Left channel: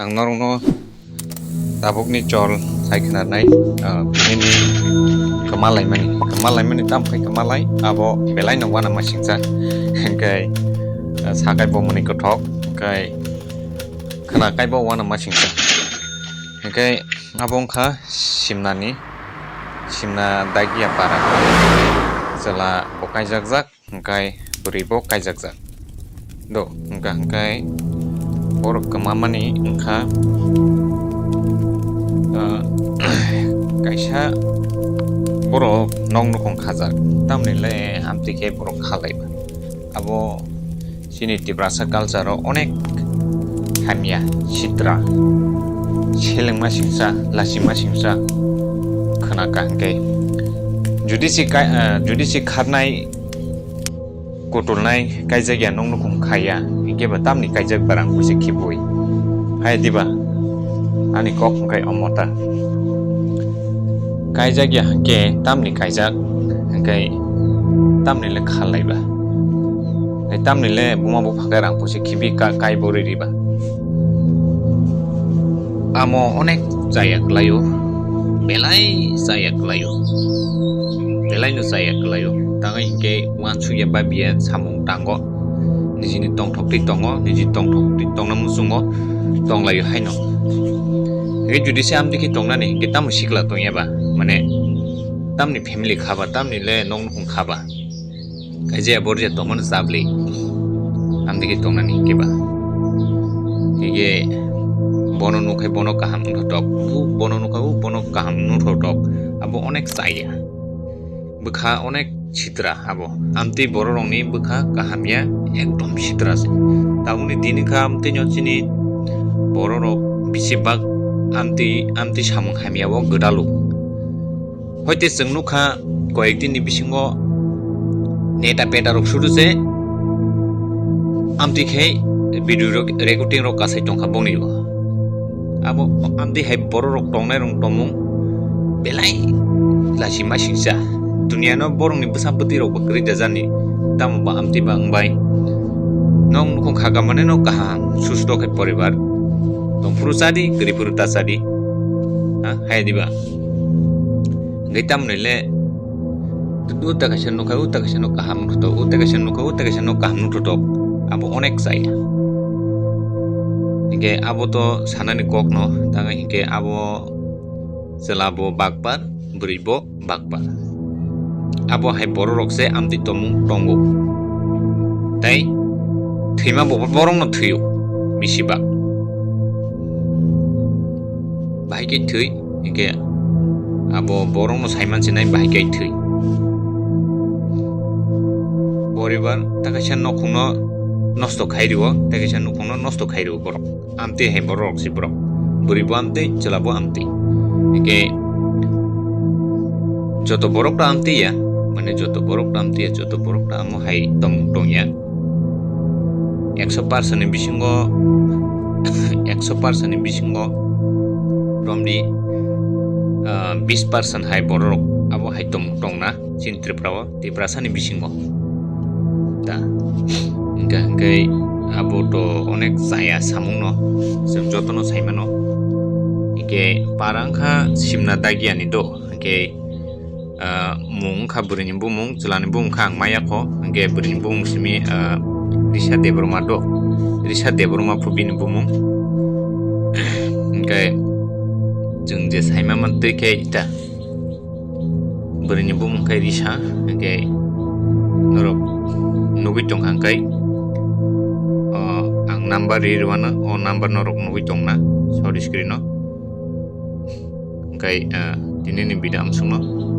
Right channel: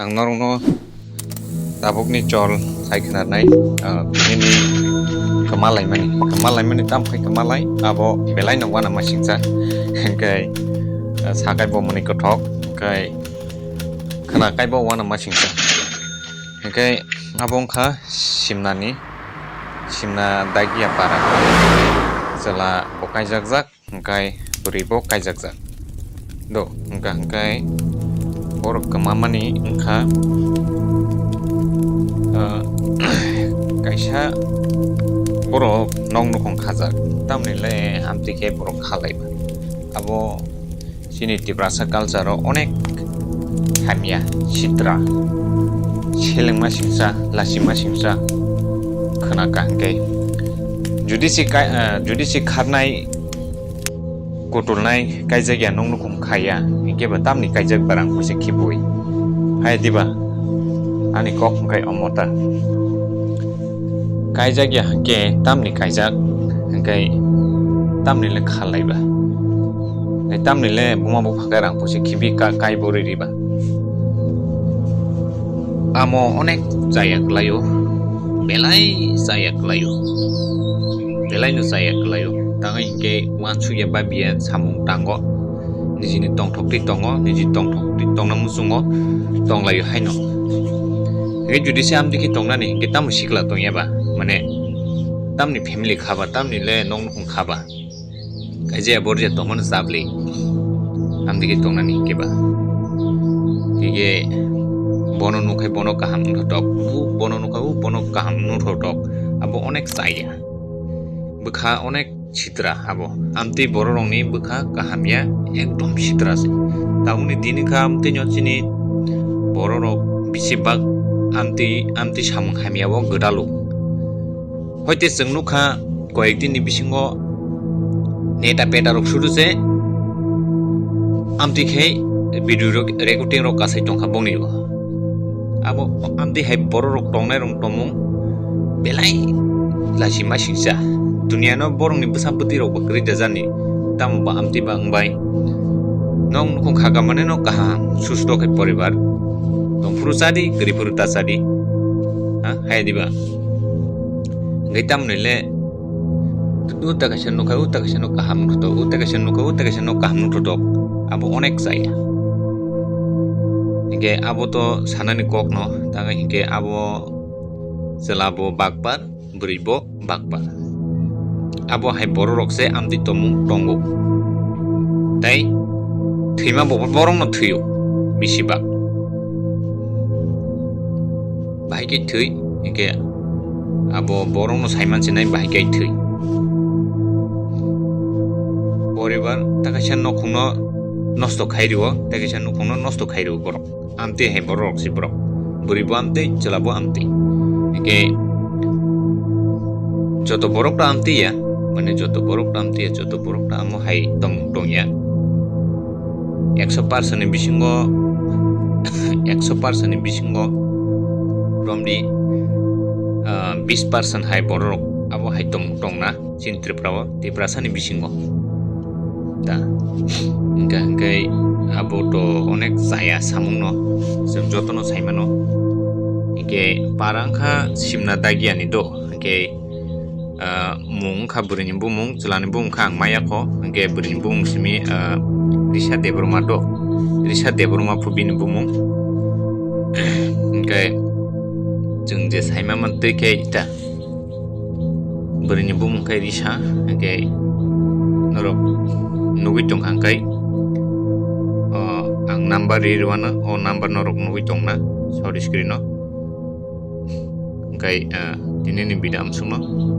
Ang norong tabuk ni chol sai khnar nai ini kemalai mani tam khai kemalai abo belai no wana masingsa kai sakai bo mani kothok kai khana kai bo wana masingsa kai abong kha simna dagia para sela bokai jak kai buribo kai jak do kai borok kemamani engka kaisa borok nong nukong khajak tamnile amtike borok khalaiba abo sini tibrasa culture o onek hamia chitra chelengma singsa lasima singsa khanaka hangke judi si kharnai kotulnai kaijak ya nong nukong khaya hingke tamni kaijak barang kuise khibui hai diba ani kok kai omota kaijak ya hangke tamni kaijak hangkai tamni le khalaiba ai tamni le buma bu phakai rang kuise khibi kai bori riba amo onek jayak layo belai jayak layo belai no jayak layo tangai hingke wansu ya babia samung tango nijini tongthok ti tongo niji tongthok ti tongna musungo tonglayo haino ge judi se amdiki tongnani ge tam sikla tongyaba mane tamni family khaba tamni le nong nong khaba kaje borje tomon sabli amdiki tongnani keba ge bono nukai bono kaham thotok bono nukau bono kaham nu thotok abo onek saya bukha onek chitra abo amti bororongni bukha kahamya ekdom chitra se tauni dini kha amti nyochini bororok bisibak amti samung hamya bo godalu hoite jengnu kha koyekdin ni bisingo neta peta rok suru se amti khei video recording rok kasai tongkha bongni abo amti hai bororok tongnai rong tomung belai lasima singsa dunia no borong ni besampati rok bakri jajani tam ba amti bang bai nong nukong khagamane no kaham susto ke poribar tong puru sadi gri puru ta sadi ha hai diba ngaitam nile tu ta kasen no kaham to ta kasen no kaham to abo onek saya hingke abo to sanani kok no tanga hingke abo selabo bakbar buribo bakbar abo hai bororok se amti tomung tongo tai thima borong no thuyo bisiba bahike thui hingke abo borong no saiman sinai bahike thui poribar takasan no khungno nosto khairiwo takasan no khungno nosto khairiwo borok amti hai borok si borok buribo amti chelabo amti hingke joto borok ta amti ya mane joto borok ta amo hai tongya 100% ni bisingo 100% ni bisingo romdi 20% hai borok abo hai tongna sintriprawa tiprasa ni bisingo ta ngai abo to onek saya samungno sem jotono saimano ike parangkha simna dagiani do ike mung kha burini bumung chulani bum khang maya kho ge burini bumung simi risa debroma do risa debroma phubini bumung ge jung je saima man teke ita burini bumung kai risa ge norok nugi tong hangkai ang number rirwana o number norok nugi tong na sorry screen no kai dinini bidam sungno